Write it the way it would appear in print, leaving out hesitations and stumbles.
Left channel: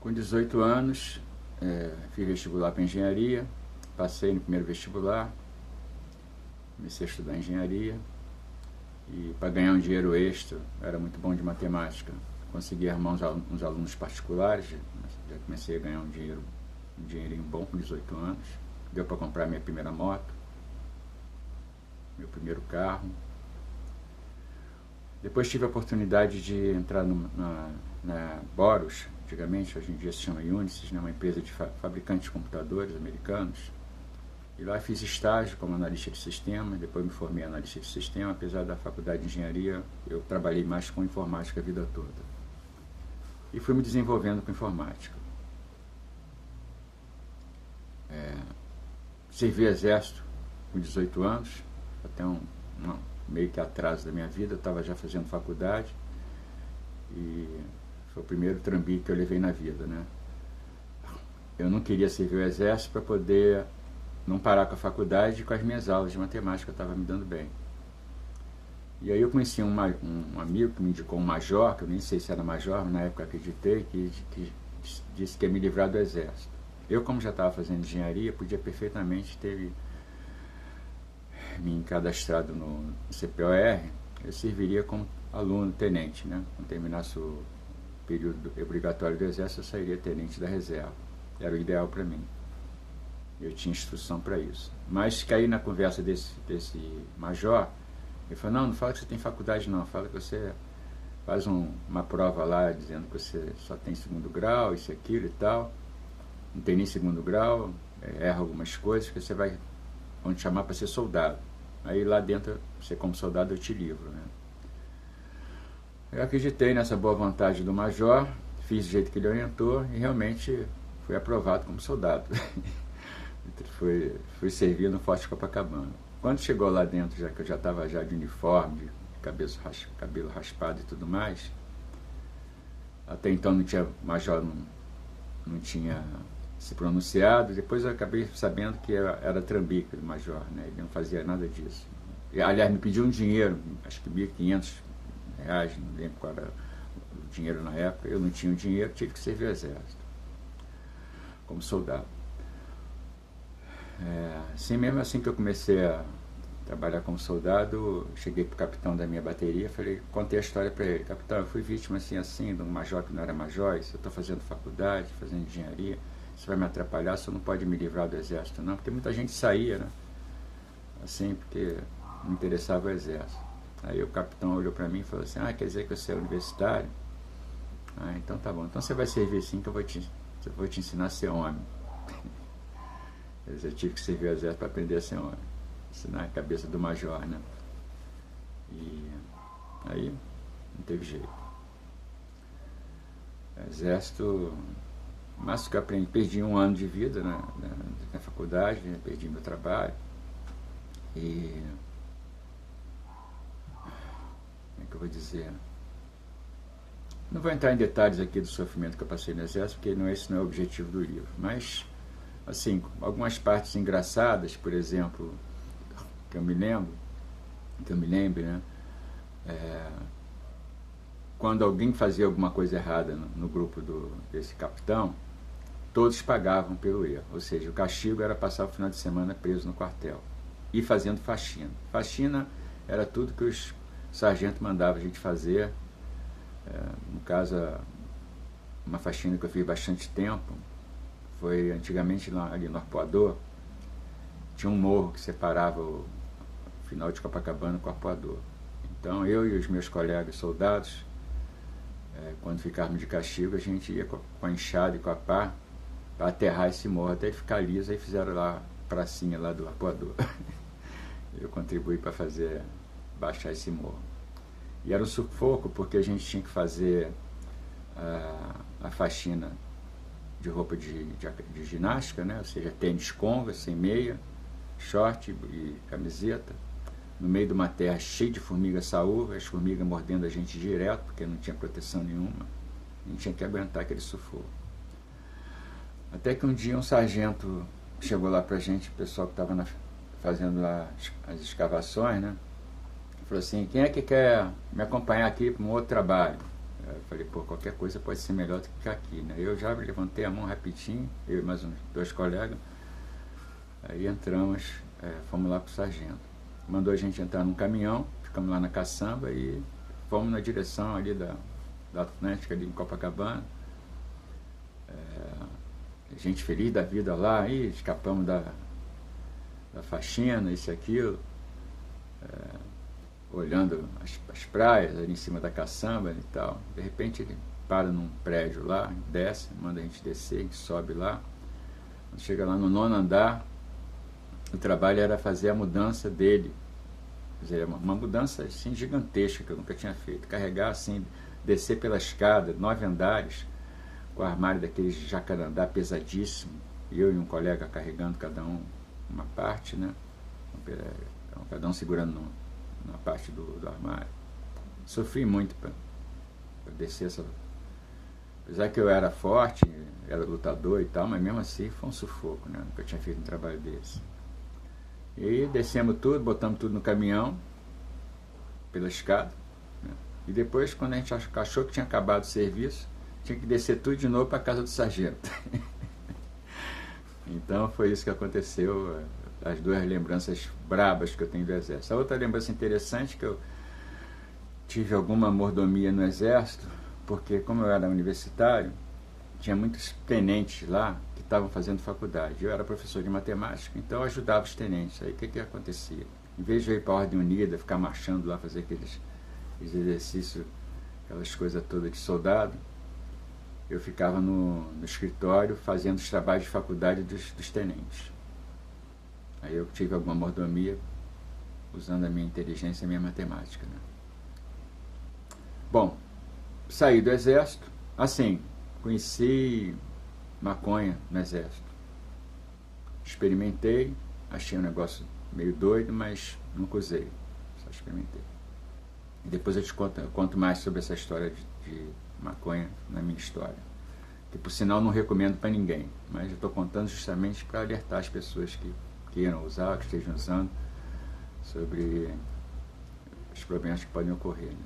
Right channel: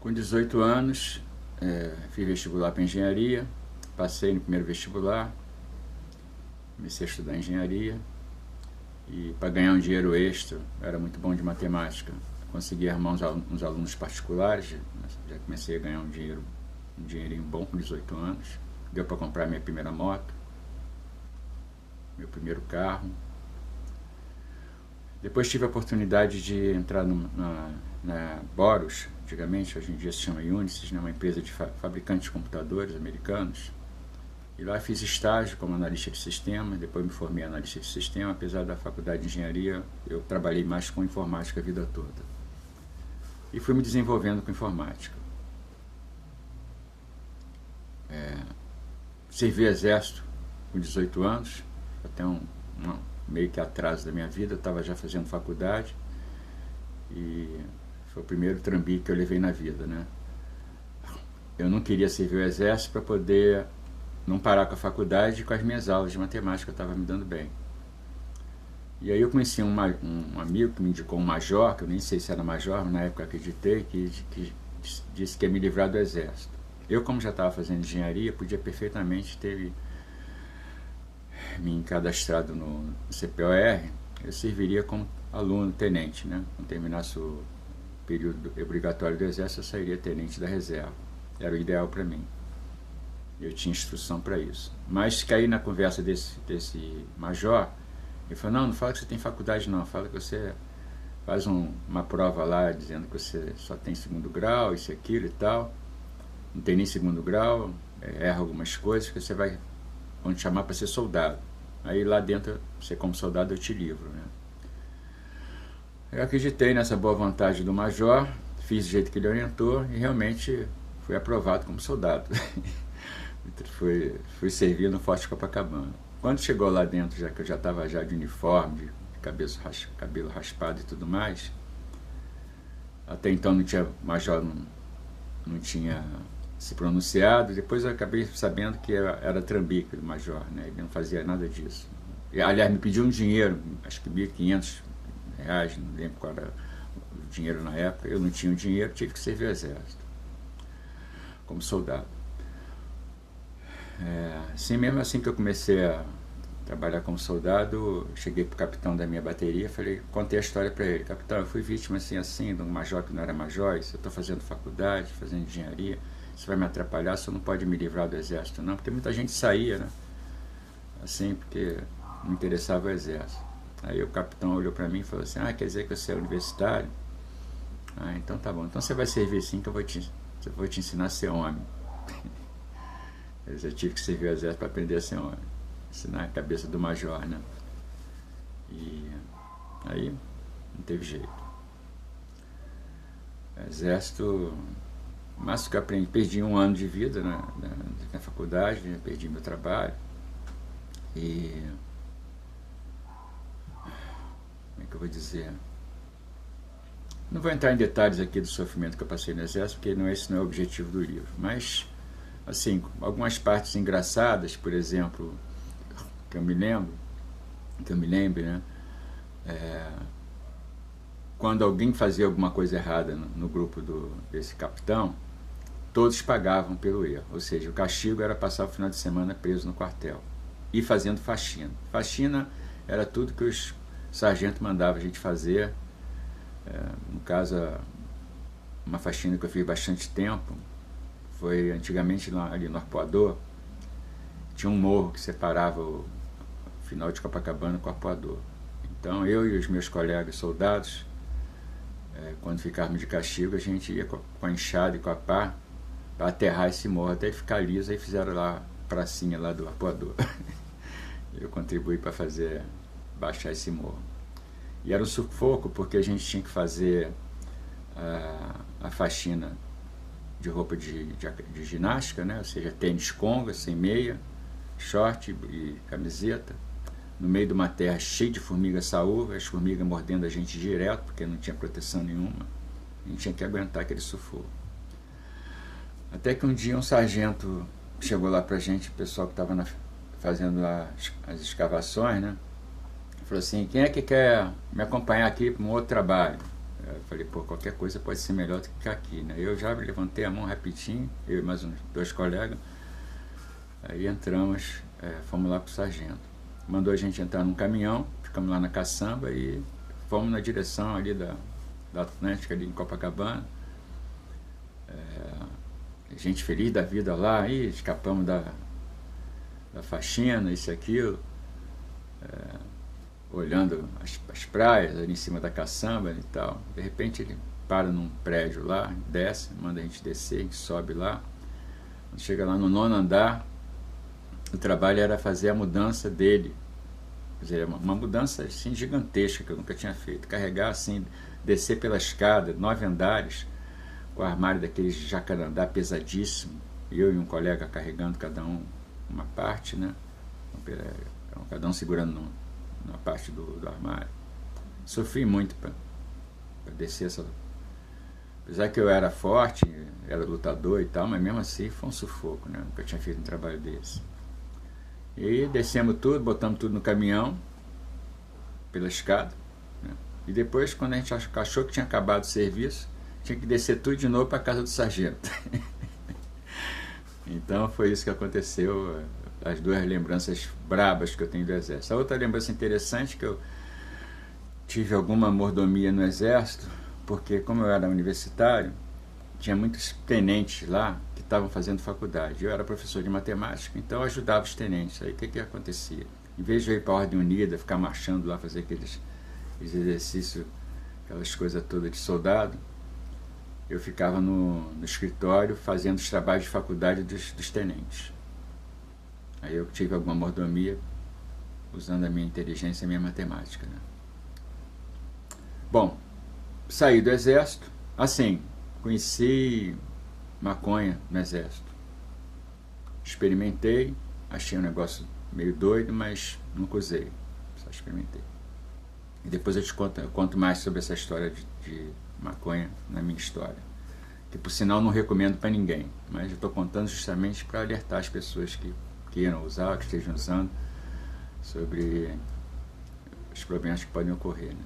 Com 18 anos, fiz vestibular para engenharia, passei no primeiro vestibular, comecei a estudar engenharia e para ganhar um dinheiro extra, era muito bom de matemática, consegui arrumar uns alunos particulares, já comecei a ganhar um dinheirinho bom com 18 anos, deu para comprar minha primeira moto, meu primeiro carro. Depois tive a oportunidade de entrar na Boros, antigamente, hoje em dia se chama Unisys, né, uma empresa de fabricantes de computadores americanos. E lá fiz estágio como analista de sistema, depois me formei analista de sistema, apesar da faculdade de engenharia, eu trabalhei mais com informática a vida toda. E fui me desenvolvendo com informática. Servi exército com 18 anos, até meio que atraso da minha vida, eu estava já fazendo faculdade e foi o primeiro trambique que eu levei na vida, né? Eu não queria servir o exército para poder não parar com a faculdade e com as minhas aulas de matemática, eu estava me dando bem. E aí eu conheci um amigo que me indicou um major, que eu nem sei se era major, mas na época acreditei, que disse que ia me livrar do exército. Eu, como já estava fazendo engenharia, podia perfeitamente ter me cadastrado no CPOR, eu serviria como aluno, tenente, né? Quando terminasse o período obrigatório do exército, eu sairia tenente da reserva. Era o ideal para mim. Eu tinha instrução para isso. Mas caí na conversa desse major, ele falou, não fala que você tem faculdade não, fala que você faz uma prova lá dizendo que você só tem segundo grau, isso e aquilo e tal, não tem nem segundo grau, erra algumas coisas, que vão te chamar para ser soldado. Aí lá dentro, você como soldado, eu te livro, né? Eu acreditei nessa boa vontade do major, fiz do jeito que ele orientou e realmente fui aprovado como soldado. fui servir no Forte Copacabana. Quando chegou lá dentro, já que eu já estava já de uniforme, de cabelo raspado e tudo mais, até então não tinha major, não tinha se pronunciado, depois eu acabei sabendo que era trambique do major, né? Ele não fazia nada disso. E, aliás, me pediu um dinheiro, acho que R$ 1.500, não lembro qual era o dinheiro na época, eu não tinha o dinheiro, tive que servir o exército, como soldado. Mesmo assim que eu comecei a trabalhar como soldado, cheguei para o capitão da minha bateria, contei a história para ele, capitão, eu fui vítima assim, de um major que não era major, eu estou fazendo faculdade, fazendo engenharia, isso vai me atrapalhar, você não pode me livrar do exército não, porque muita gente saía, né? Assim, porque não interessava o exército. Aí o capitão olhou para mim e falou assim, quer dizer que você é universitário? Então tá bom, então você vai servir sim que eu vou te ensinar a ser homem. Eu tive que servir o exército para aprender a ser homem, ensinar a cabeça do major, né? E aí não teve jeito. Exército, mas que eu aprendi, perdi um ano de vida na faculdade, né? Perdi meu trabalho e como é que eu vou dizer? Não vou entrar em detalhes aqui do sofrimento que eu passei no exército, porque esse não é o objetivo do livro, mas assim, algumas partes engraçadas, por exemplo, que eu me lembre, né? Quando alguém fazia alguma coisa errada no grupo desse capitão, todos pagavam pelo erro, ou seja, o castigo era passar o final de semana preso no quartel e fazendo faxina. Faxina era tudo que os sargentos mandavam a gente fazer. No caso, uma faxina que eu fiz bastante tempo foi antigamente ali no Arpoador, tinha um morro que separava o final de Copacabana com o Arpoador. Então eu e os meus colegas soldados, quando ficávamos de castigo, a gente ia com a enxada e com a pá para aterrar esse morro até ficar liso, aí fizeram lá a pracinha lá do Arpoador. Eu contribuí para baixar esse morro. E era um sufoco porque a gente tinha que fazer a faxina de roupa de ginástica, né? Ou seja, tênis conga, sem meia, short e camiseta, no meio de uma terra cheia de formigas saúva, as formigas mordendo a gente direto, porque não tinha proteção nenhuma. A gente tinha que aguentar aquele sufoco. Até que um dia um sargento chegou lá pra gente, o pessoal que estava fazendo as escavações, né? Falou assim, quem é que quer me acompanhar aqui para um outro trabalho? Eu falei, pô, qualquer coisa pode ser melhor do que ficar aqui, né? Eu já levantei a mão rapidinho, eu e mais uns 2 colegas, aí entramos, fomos lá pro sargento. Mandou a gente entrar num caminhão, ficamos lá na caçamba e fomos na direção ali da Atlântica, ali em Copacabana. Gente feliz da vida lá, aí escapamos da faxina, isso e aquilo, olhando as praias ali em cima da caçamba e tal. De repente ele para num prédio lá, desce, manda a gente descer, a gente sobe lá. Quando chega lá no 9º andar, o trabalho era fazer a mudança dele. Quer dizer, uma mudança assim, gigantesca que eu nunca tinha feito. Carregar assim, descer pela escada, 9 andares, com o armário daquele jacarandá pesadíssimo, eu e um colega carregando cada um uma parte, né? Cada um segurando uma parte do armário. Sofri muito para descer essa... Apesar que eu era forte, era lutador e tal, mas mesmo assim foi um sufoco, né? Nunca tinha feito um trabalho desse. E descemos tudo, botamos tudo no caminhão, pela escada, né? E depois, quando a gente achou que tinha acabado o serviço, tinha que descer tudo de novo para a casa do sargento. Então foi isso que aconteceu, as 2 lembranças brabas que eu tenho do Exército. A outra lembrança interessante é que eu tive alguma mordomia no Exército, porque como eu era universitário, tinha muitos tenentes lá que estavam fazendo faculdade. Eu era professor de matemática, então eu ajudava os tenentes. Aí o que acontecia? Em vez de eu ir para a Ordem Unida, ficar marchando lá, fazer aqueles exercícios, aquelas coisas todas de soldado, eu ficava no escritório fazendo os trabalhos de faculdade dos tenentes. Aí eu tive alguma mordomia usando a minha inteligência e a minha matemática, né? Bom, saí do Exército, assim, conheci maconha no Exército. Experimentei, achei um negócio meio doido, mas nunca usei, só experimentei. E depois eu conto mais sobre essa história de maconha na minha história, que por sinal não recomendo para ninguém, mas eu estou contando justamente para alertar as pessoas que queiram usar, que estejam usando, sobre os problemas que podem ocorrer, né?